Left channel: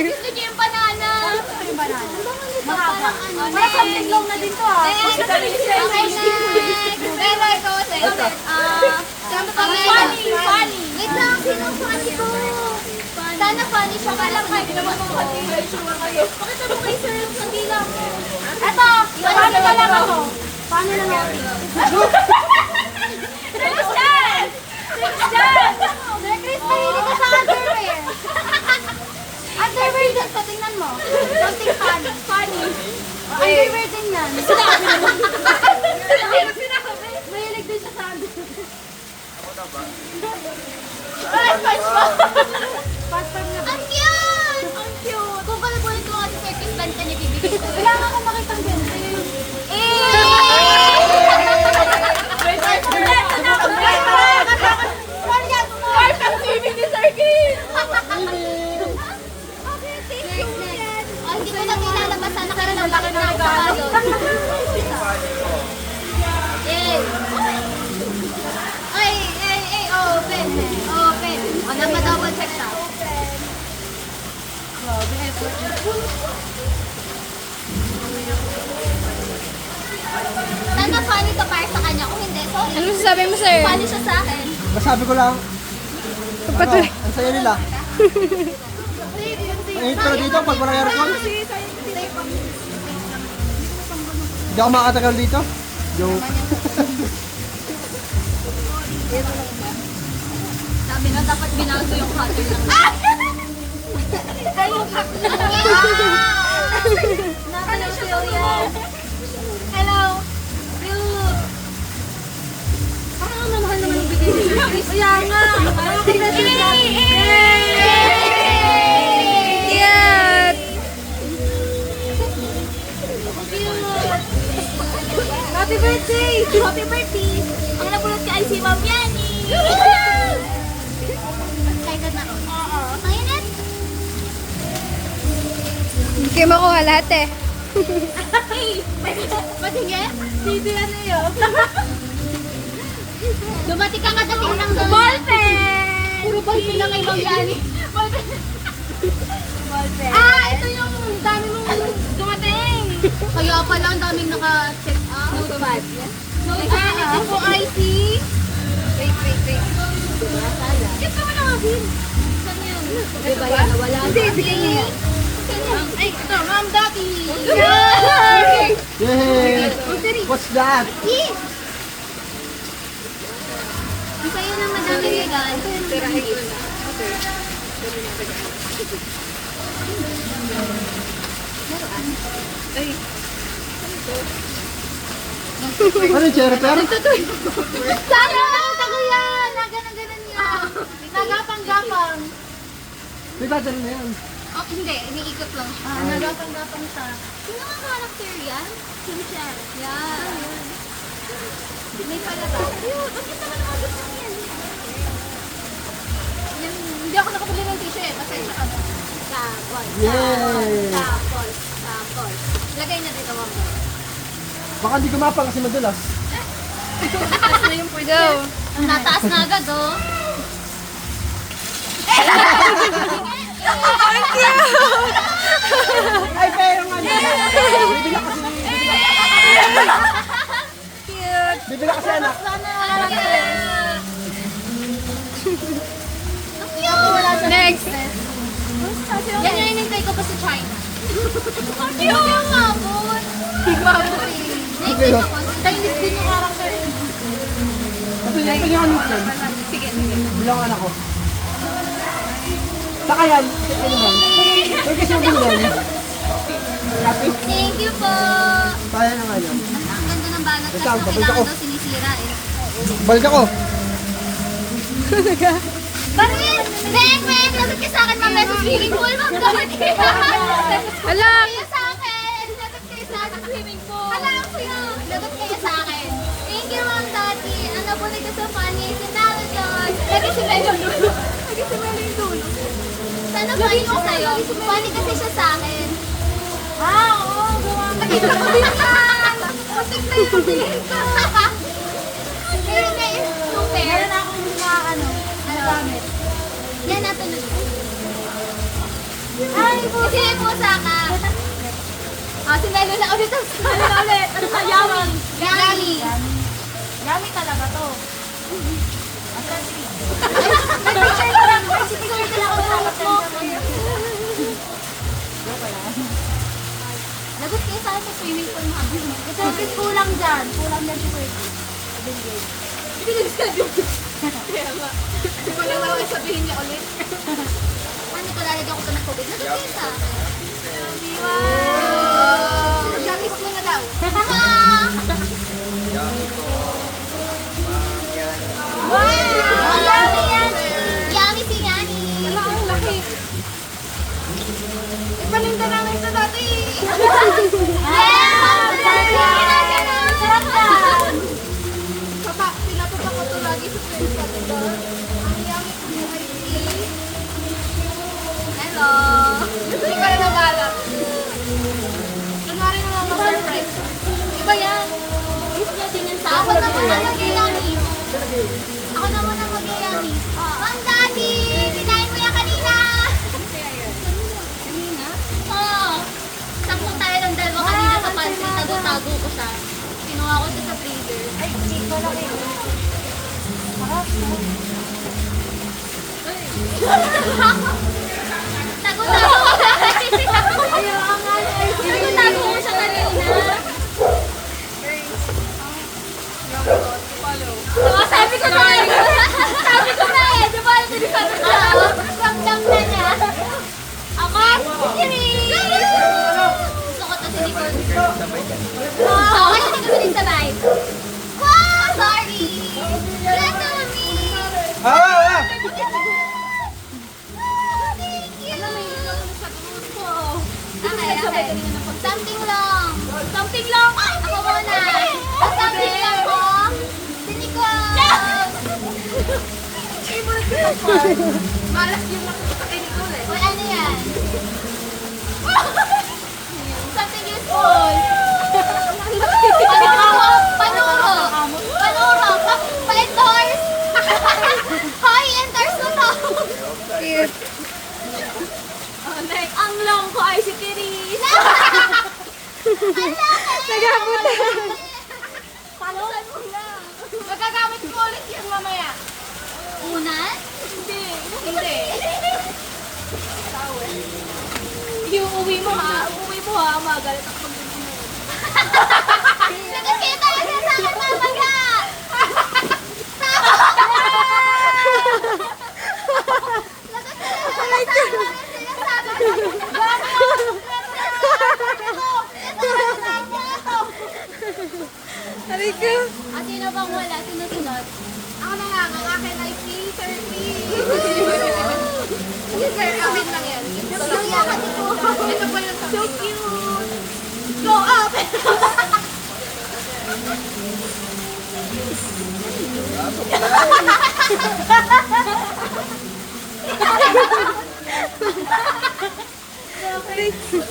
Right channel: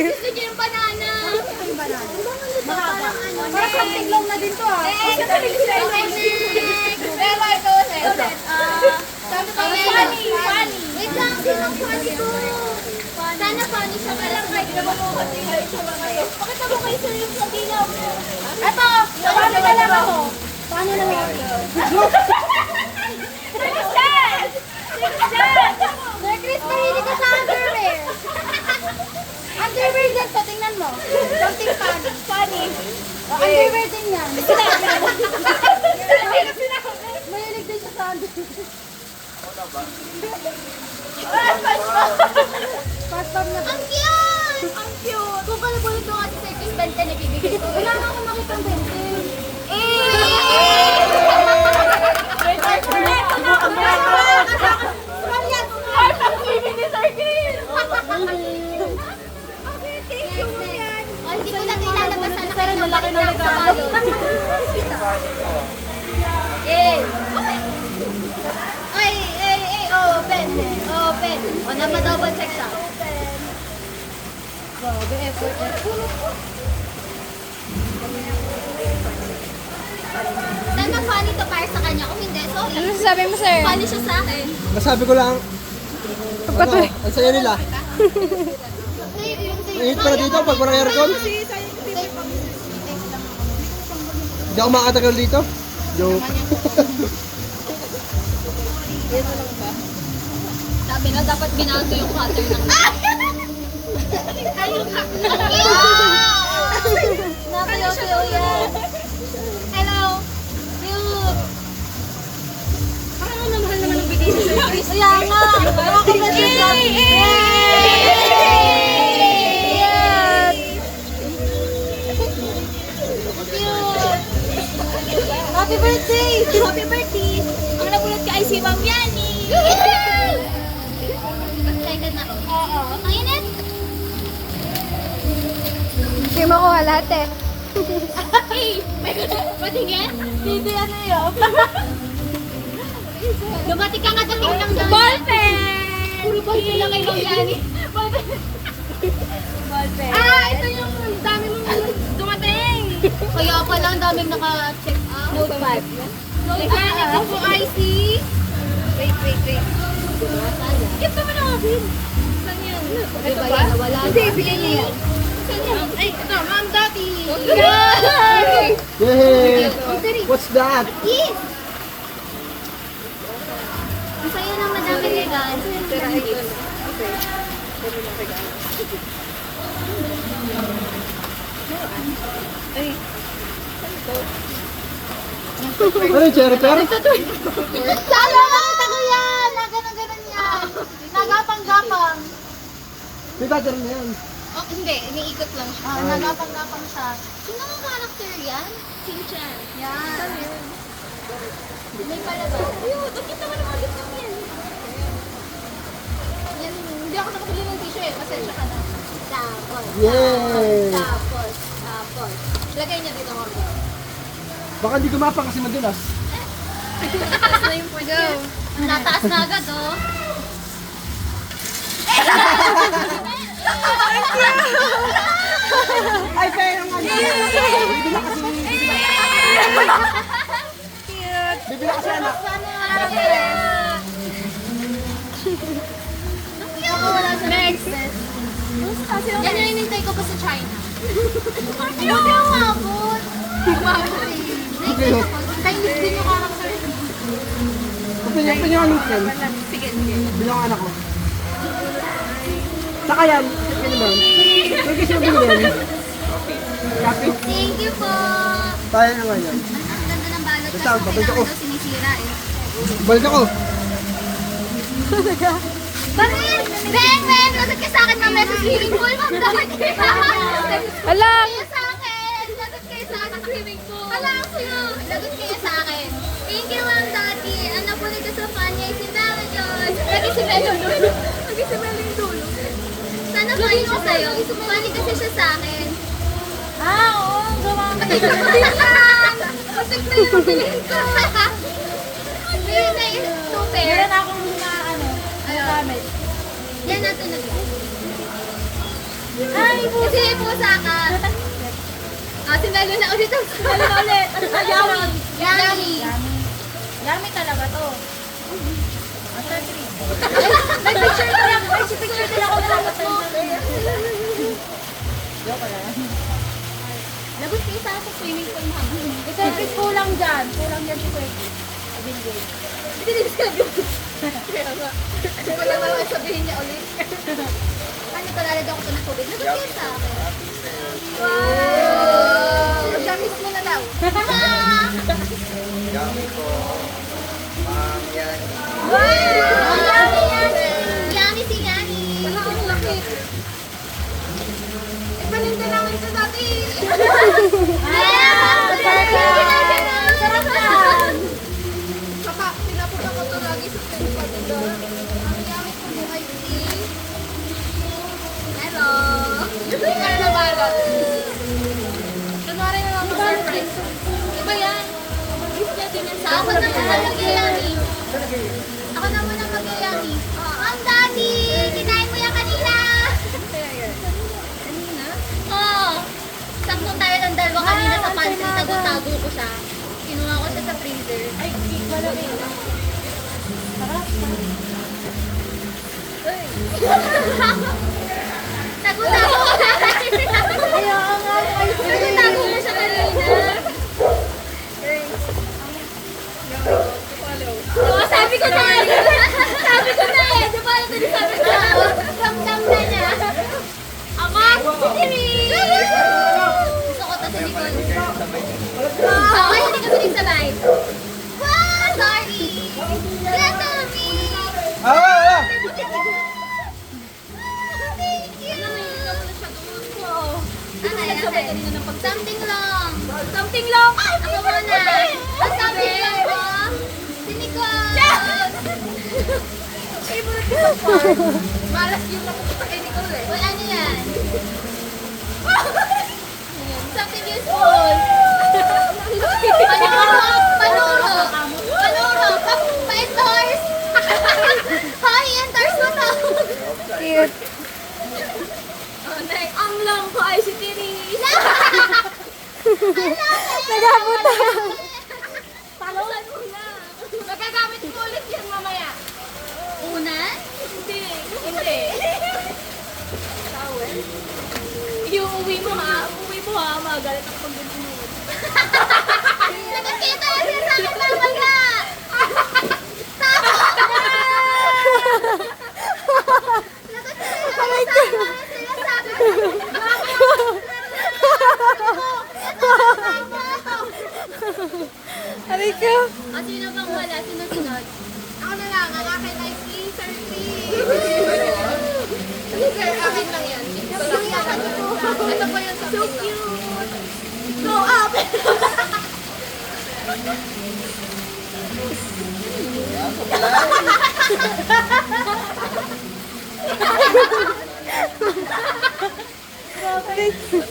Gusto niyo yung banana. Gusto yung banana. Mahaba. Nakapinglong na din to ah. Okay, next. Pero ito, ulit. Funny. Wait lang, sinong funny ko? Sana funny siya ka lang kahit naman mo. Pakita mo kay sir yung sa dilaw mo. Ito, paano na lang ako? Paano na lang? Christian! Christian! Sir Chris, mahilig ka sa underwear. Underwear din sa tingnan mo. Something funny. Funny. Underwear din yan. Mahilig din siya sa underwear. Pastor na ba? Ang cute! Ang cute! Kung pala-pulot ko nga si Sir Chris, banta na bibigay ko. Wala nga akong makitang bente. Hindi ko na ilalabas sana kayo ng laki ng regalo. Open. O, napadouble check siya. Grabe, effort. Sana funny to para sa kanya. Kung hindi, sorry. Ano sasabi mo, sir? Funny siya sa akin. Masabi ko lang, Patuloy. ang saya nila. Ang hit pala dito pag walang aircon. Hindi ako makatagal dito. Joke. Sabi na dapat binago yung cutter ng Nakayaw yan. Hello. Cute. Parang ang mahal naman ang bigay nila. Kaya nga. Happy birthday! Happy birthday! Ang napulot ka ay si Ma'am Yani! Excited na ako. Oo. Ang init! Hindi kayo makuha lahat eh. Hey! Patingin? TV ano yun? Dumati ka nga dating ng ballpen! Puro ballpen lang kay Ma'am Yani. Ballpen. Ito yung dami mong dumating! Kaya pala ang daming naka-check out. Notepad. Ito po IC. Wait. Kit naman ang abin. Saan yun? Ito ba? Wala. Hindi, bigay niya yan. Ay, ito, Ma'am Dati. Yay! Yay! What's that? Yes! Ang sa'yo ng madaming regalo. Ano yung cherry pear? Sana nakita ko yan! Naganon-ganon yan. Nagapang-gapang. May battery na yan. Oh, hindi. Iniikot lang siya. Nagapang-gapang siya. Sino ang character yan? Shin-chan. Yan. May palabas. Ayun, bakit naman naman gusto mo yan? Yan, hindi ako nakabili ng tissue eh. Pasensya ka na. Yay! Tapos. Lagay niya dito, Ma'am. Baka hindi gumapang kasi madalas. Nataas na yung go. Nataas na agad, oh. Ay, pero nga bibila kasi. Bibila kasi anak. Ang cute! Next. Yan yung inintay ko pa sa China. Ang cute! Ang mabot. Next ako. Chinese din yung character. Pinyo anak yan. Sige. Bilang anak ko. Saka yan. Ano ba? Yung kasi yung bilhin. Copy? Thank you po. Kaya naman yan. Ang ganda ng balot. Basta, Kaso babalik ako. kailangan daw sinisira eh. Balik ako. Bakit? Beng! Lagot ka sa akin, ma'am. Sa swimming pool, ma'am. Lagot ka. Alam! Kayo sa akin. Lagot kayo sa akin sa swimming pool. Alam ko yun. Lagot kayo sa akin. Thank you, Ma'am Dati. Ano po nito sa funny? Si Melo John. Nagisimel yung dulo. Nagisimel yung dulo. Sana funny siya sa'yo. Funny kasi siya sa akin. Oo. Gawa mo. Nakita ko din yan. Masig na yung bilhin ko. Super. Meron akong mga gamit. Yan natin na. Ay, kasi may pusa ka. Si Melo na ulit ang Melo na ulit. Ano ba? Yummy. Yummy. Yummy talaga to. Asan si May picture ko lang. May picture ko lang ako Lagot kayo sa akin sa swimming pool, ma'am. Ito yung kulang dyan. Kulang dyan si Kuya. Hindi na gusto ko. Kaya nga. Hindi ko lang naman sabihin niya ulit. Ano ko lalad ako ito ng tubig? Lagot kayo sa akin. Wow! Jackis mo na daw. Yummy po. Ma'am, yan. Wow! Yummy, yummy. Yummy si Yanni. Wala ang laki. Ipaninda namin ito dati. Sarap yan. Pinapunta ko ito lagi sa friends ko. Ang yummy po yung ice tea. Hello. Hindi ka na nabalot. Kunwari mo lang ma-surprise. Iba yan. Ako naman ang mag-yummy. Ako naman ang mag-yummy. Ma'am Daddy, kinain mo yan kanina. Kanina? Oo. Sakto tayo ng dalawa kanina sa pantry. Tago-tago ko siya. Kinuha ko siya sa freezer. Ay, tago-tago ko siya. Tago-tago ko siya kanina. Diba, sabi ko na eh. Sabi ko na eh. Diba, ito din sabi ko. Ramdam na niya. Ako, si Rin. Gusto ko ito si Nicole. Ako, hindi kami nagsabay. Wow, sorry. Let me. Ah! Thank you. Okay. Something lang. Something lang. Ako muna. Ang something lang ko. Si Nicole. Malas yung napupunta kay Nicole eh. Uy, ano yan? Something useful. Panuro. Pa-endorse. Hoy, endorse mo to. Cute. Ang long ko ay si Tiris. Nagabutan. Palusan mo na. Magagamit mo ulit yan mamaya. Unan? Hindi. Iuwi mo ha. Magalit ako pag ganyan mo. Nagkakita na siya sa akin mamaya. Aray ko. Sino bang wala? Sino sunod? Ako na lang. Ang akin ay si Sir Lee. Sir, akin lang yan. Ito lang yan. Ito po yung so cute. Go up!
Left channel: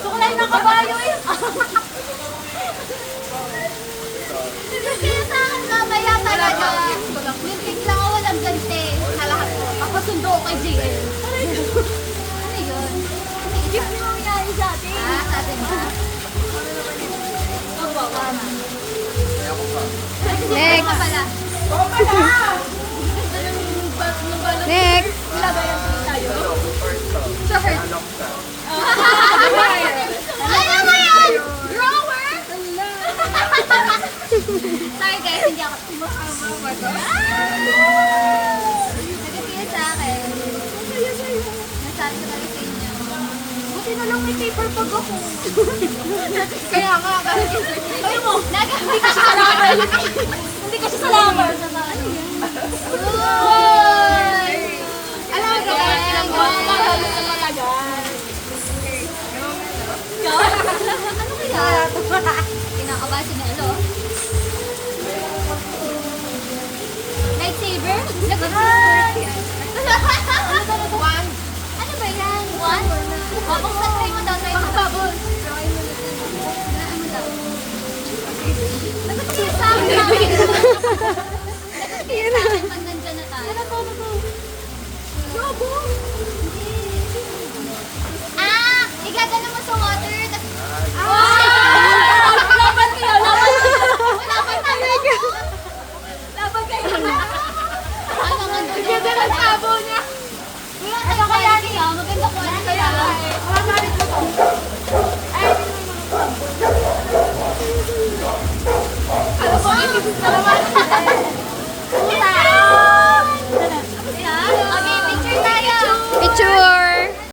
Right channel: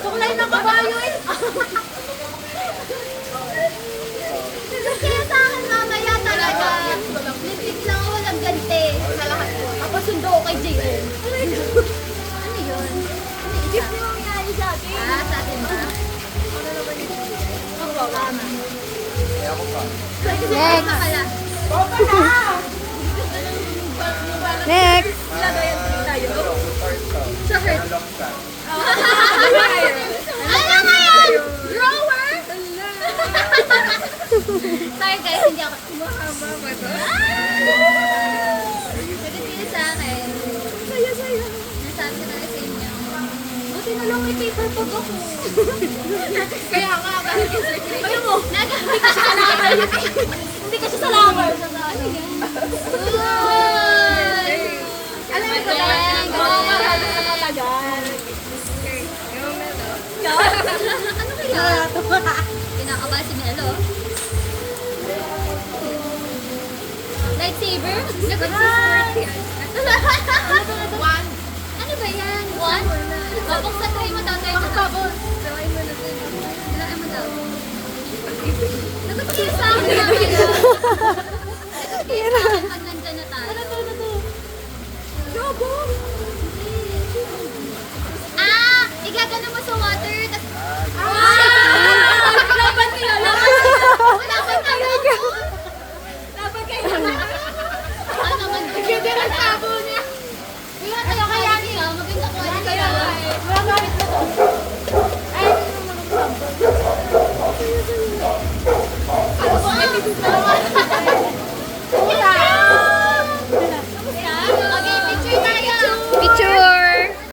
Sukulay ng kabayo eh. Kaya sa akin mamaya talaga. Lipstick lang ako, walang gante. Sa lahat ko. Papasundo ko kay JL. Ano yun? Gift ni Mami Nani sa atin. Sa atin ba? Opo, tama. Ako pa. Next. Tama pala. Next. Dalawang torso. Sa heart. Dalawang ka. Ano nga yan? Drawer? Sorry guys, hindi ako. Mahaba ba ito? Nagkasila sa akin. Saya. Nasabi ko talaga sa inyo. Buti na lang may paper pag ako. Kaya nga, ayaw mo. Hindi ka siya salaman. Hindi ka siya salaman. Alam mo, ano kaya? Kinakabahan si Melo. Lightsaber? One. Ano ba yan? One? Buksan try mo daw. Bubble. Wala mo daw. Nagpapagay sa akin namin. Yan na. Pag nandyan na tayo. Yobo! Labo niya. Wala tayo kaya niya. Maganda ko. Kaya wala nga rin ito. Ay, hindi naman ako sabon. Kala ko, ibig na naman.